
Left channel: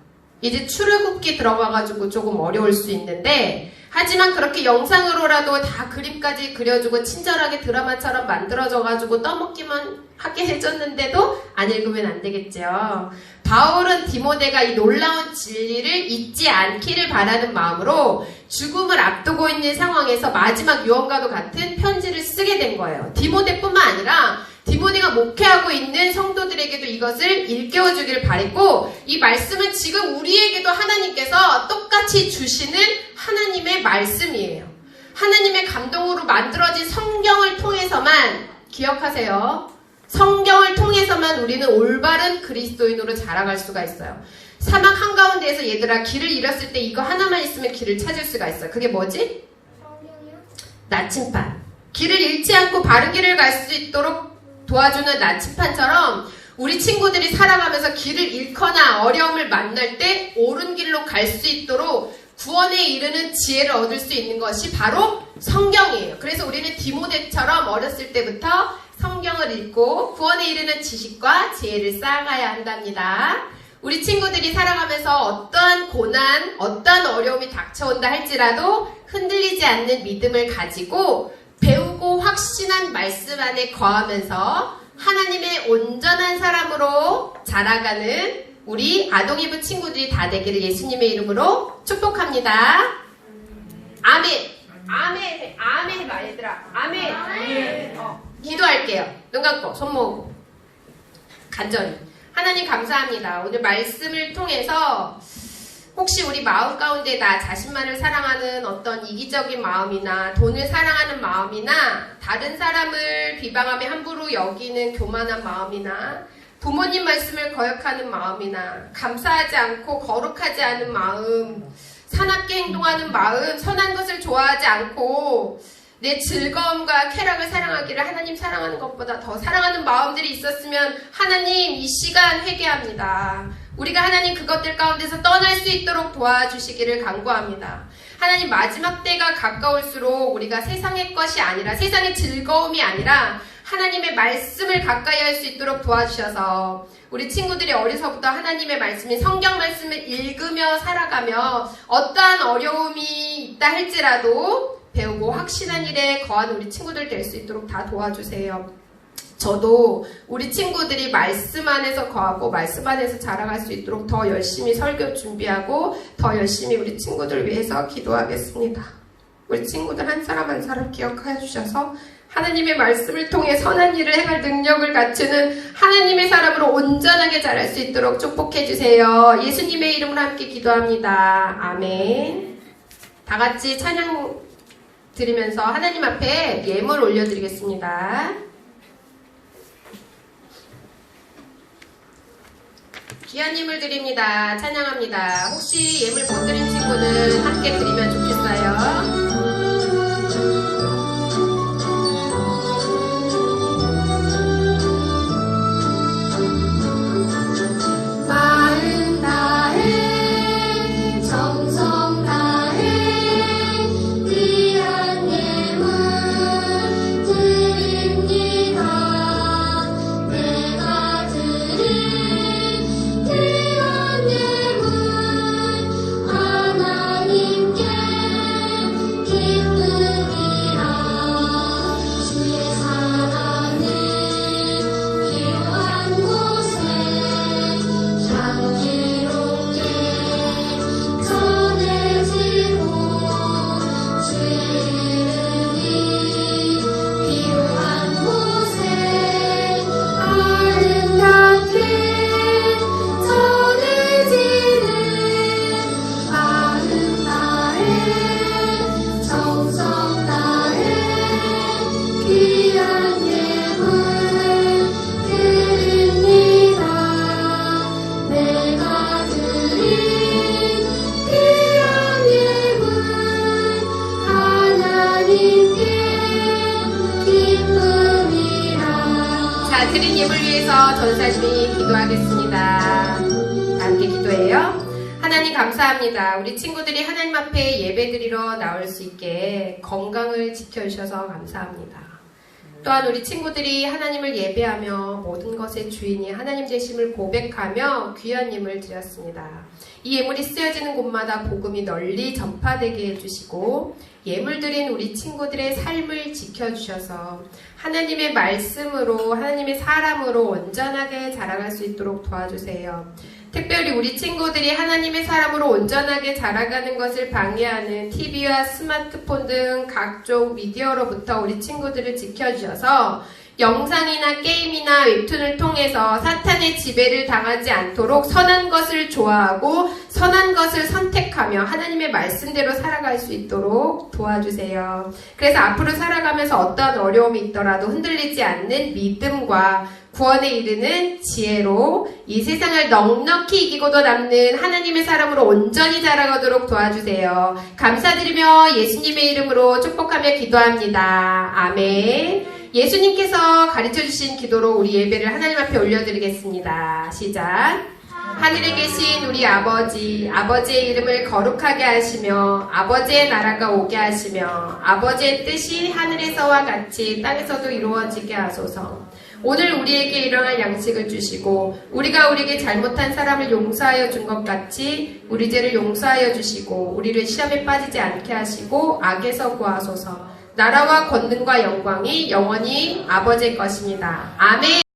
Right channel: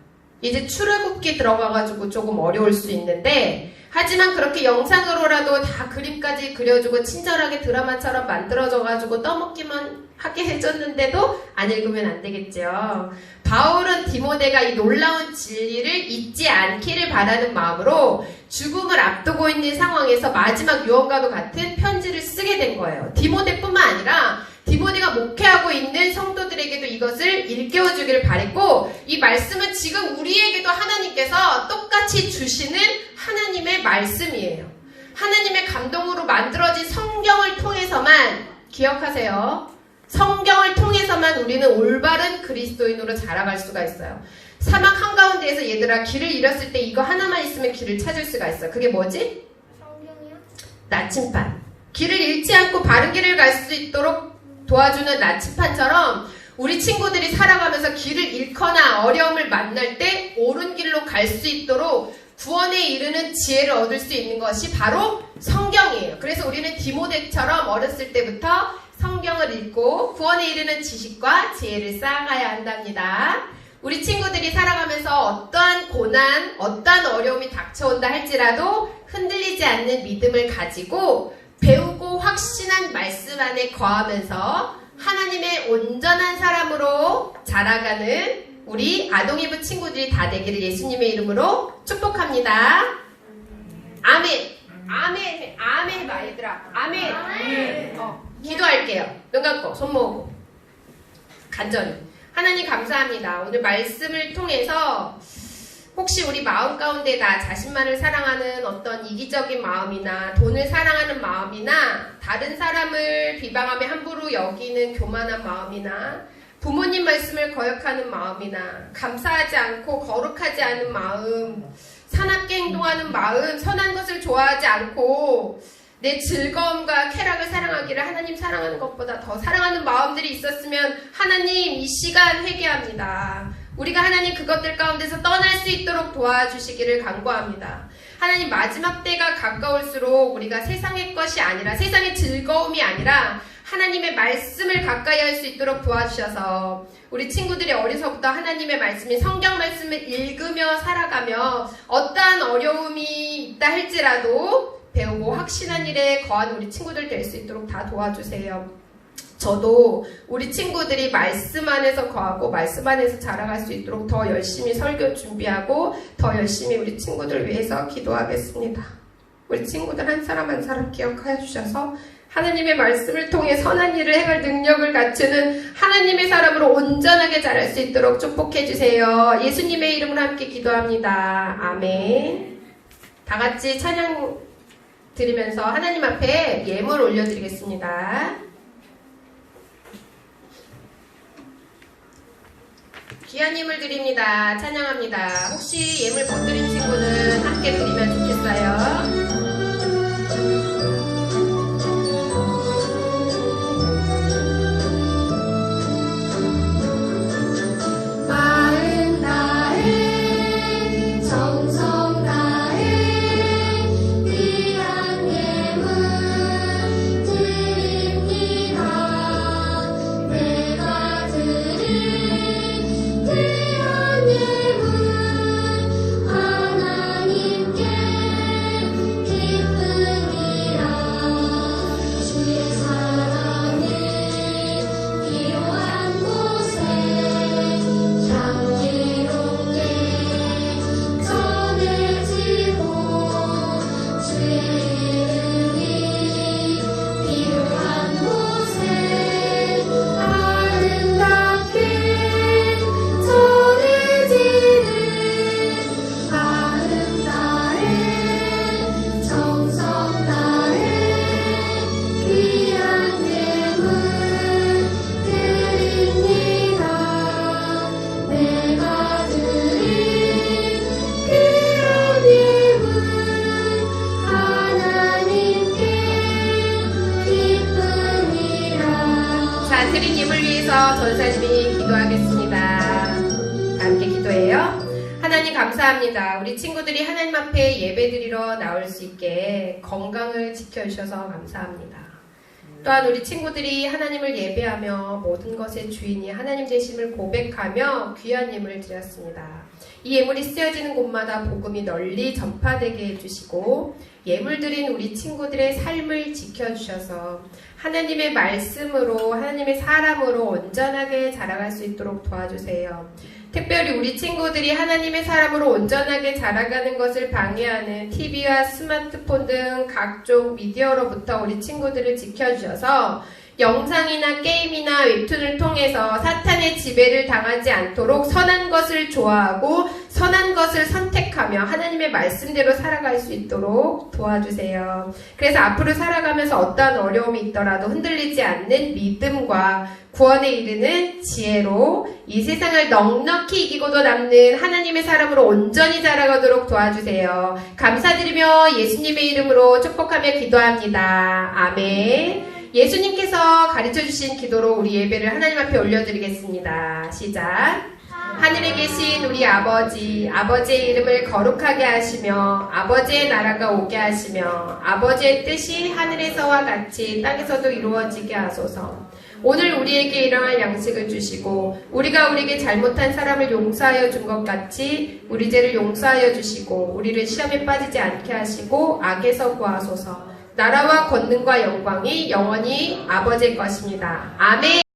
이제 출애굽기 들어가가지고 조금 어려울 수 있는데 하지만 그렇게 영상으로라도 다 그림까지 그려주고 친절하게 드라마처럼 만들어져가지고 떠먹기만 하게 해줬는데도 안 읽으면 안 되겠죠. 바울은 디모데가 이 놀라운 진리를 잊지 않기를 바라는 마음으로 죽음을 앞두고 있는 상황에서 마지막 유언과도 같은 편지를 쓰게 된 거예요. 디모데뿐만 아니라 디모데가 목회하고 있는 성도들에게도 이것을 일깨워주기를 바랬고 이 말씀은 지금 우리에게도 하나님께서 똑같이 주시는 하나님의 말씀이에요. 하나님의 감동으로 만들어진 성경을 통해서만 기억하세요. 성경을 통해서만 우리는 올바른 그리스도인으로 자라갈 수가 있어요. 사막 한가운데에서 얘들아 길을 잃었을 때 이거 하나만 있으면 길을 찾을 수가 있어요. 그게 뭐지? 성경이요. 나침반. 길을 잃지 않고 바른 길을 갈 수 있도록 도와주는 나침반처럼 우리 친구들이 살아가면서 길을 잃거나 어려움을 만날 때 옳은 길로 갈 수 있도록 구원에 이르는 지혜를 얻을 수 있는 것이 바로 성경이에요. 그래서 우리는 디모데처럼 어렸을 때부터 성경을 읽고 구원에 이르는 지식과 지혜를 쌓아가야 한답니다. 우리 친구들이 살아가면서 어떠한 고난, 어떠한 어려움이 닥쳐온다 할지라도 흔들리지 않는 믿음을 가지고 배우고 확신한 말씀 안에 거하면서 하나님의 온전한 사람으로 자라가는 우리 아동이부 친구들이 다 되기를 예수님의 이름으로 축복합니다. 아멘. 아멘. 아멘 말들아. 아멘. 기도할게요. 눈 감고 손 모으고 간절히 하나님 감사합니다. 오늘 말씀을 통해서 혹시 우리 마음 가운데 나 자신만을 사랑하는 어떤 이기적인 마음이나 돈을 사랑하는 마음이나 다른 사람을 비방하며 함부로 여기는 교만한 마음이나 부모님 말씀을 거역하는 마음이나 감사하지 않고 거룩하지 않은 마음, 사납게 행동하는 마음, 선한 것을 좋아하지 않고 내 즐거움과 쾌락을 사랑하기를 하나님 사랑하는 것보다 더 사랑하는 마음들이 있었으면 하나님 이 시간 회개합니다. 우리가 하나님 그것들 가운데서 떠날 수 있도록 도와주시기를 간구합니다. 하나님 마지막 때가 가까울수록 우리가 세상의 것이 아니라 세상의 즐거움이 아니라 하나님의 말씀을 가까이 할 수 있도록 도와주셔서 우리 친구들이 어려서부터 하나님의 말씀인 성경 말씀을 읽으며 살아가며 어떠한 어려움이 있다 할지라도 배우고 확신한 일에 거한 우리 친구들 될 수 있도록 다 도와주세요. 저도 우리 친구들이 말씀 안에서 거하고 말씀 안에서 자라갈 수 있도록 더 열심히 설교 준비하고 더 열심히 우리 친구들 위해서 기도하겠습니다. 우리 친구들 한 사람 한 사람 기억하여 주셔서 하나님의 말씀을 통해 선한 일을 행할 능력을 갖추는 하나님의 사람으로 온전하게 자랄 수 있도록 축복해 주세요. 예수님의 이름으로 함께 기도합니다. 아멘. 다 같이 찬양 드리면서 하나님 앞에 예물 올려드리겠습니다. 귀한 예물 드립니다. 찬양합니다. 혹시 예물 못 드린 친구는 함께 드리면 좋겠어요. 하나님께 감사합니다. 우리 친구들이 하나님 앞에 예배드리러 나올 수 있게 건강을 지켜주셔서 감사합니다. 또한 우리 친구들이 하나님을 예배하며 모든 것의 주인이 하나님 되심을 고백하며 귀한 예물을 드렸습니다. 이 예물이 쓰여지는 곳마다 복음이 널리 전파되게 해주시고 예물 드린 우리 친구들의 삶을 지켜주셔서 하나님의 말씀으로 하나님의 사람으로 온전하게 자라갈 수 있도록 도와주세요. 특별히 우리 친구들이 하나님의 사람으로 온전하게 자라가는 것을 방해하는 TV와 스마트폰 등 각종 미디어로부터 우리 친구들을 지켜주셔서 영상이나 게임이나 웹툰을 통해서 사탄의 지배를 당하지 않도록 선한 것을 좋아하고 선한 것을 선택하며 하나님의 말씀대로 살아갈 수 있도록 도와주세요. 그래서 앞으로 살아가면서 어떠한 어려움이 있더라도 흔들리지 않는 믿음과 구원에 이르는 지혜로 이 세상을 넉넉히 이기고도 남는 하나님의 사람으로 온전히 자라가도록 도와주세요. 감사드리며 예수님의 이름으로 축복하며 기도합니다. 아멘. 예수님께서 가르쳐주신 기도로 우리 예배를 하나님 앞에 올려드리겠습니다. 시작. 하늘에 계신 우리 아버지, 아버지의 이름을 거룩하게 하시며 아버지의 나라가 오게 하시며 아버지의 뜻이 하늘에서와 같이 땅에서도 이루어지게 하소서. 오늘 우리에게 일어날 양식을 주시고 우리가 우리에게 잘못한 사람을 용서하여 준 것 같이 우리 죄를 용서하여 주시고 우리를 시험에 빠지지 않게 하시고 악에서 구하소서. 나라와 권능과 영광이 영원히 아버지의 것입니다. 아멘.